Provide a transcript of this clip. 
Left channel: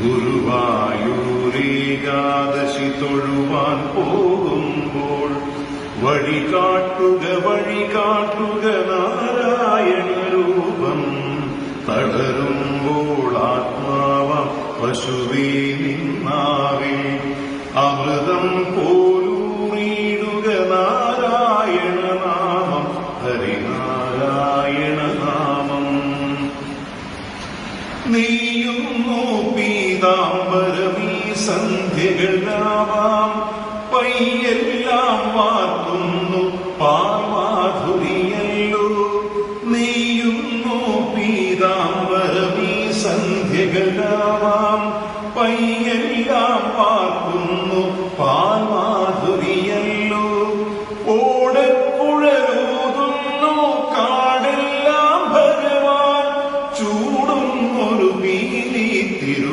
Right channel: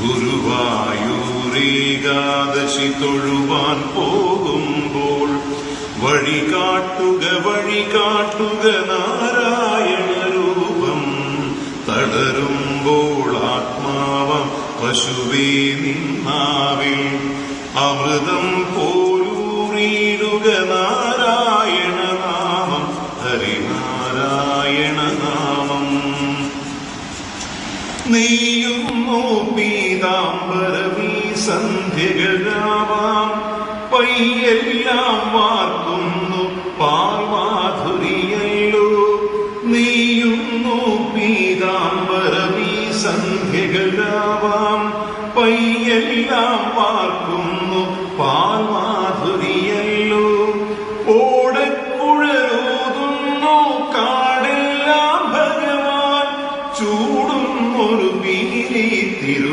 ഗുരുവായൂരേകാദശി തൊഴുവാൻ പോകുമ്പോൾ വഴി കാട്ടുക നാരായണ രൂപം. തളരുമ്പോൾ ആത്മാവ പശുവേ നിന്നാവിൽ അമൃതം പോലൂറിയിടുക നാരായണ നാമം, ഹരിനാരായണ നാമം. നെയ്യുന്നു പീതാംബരമീ സന്ധ്യകളാവാം, പയ്യെല്ലാം വാർക്കുന്നു പാൽമാധുരിയല്ലോ. നെയ്യുന്നു പീതാംബരമീ സന്ധ്യകളാവാം, പയ്യെല്ലാം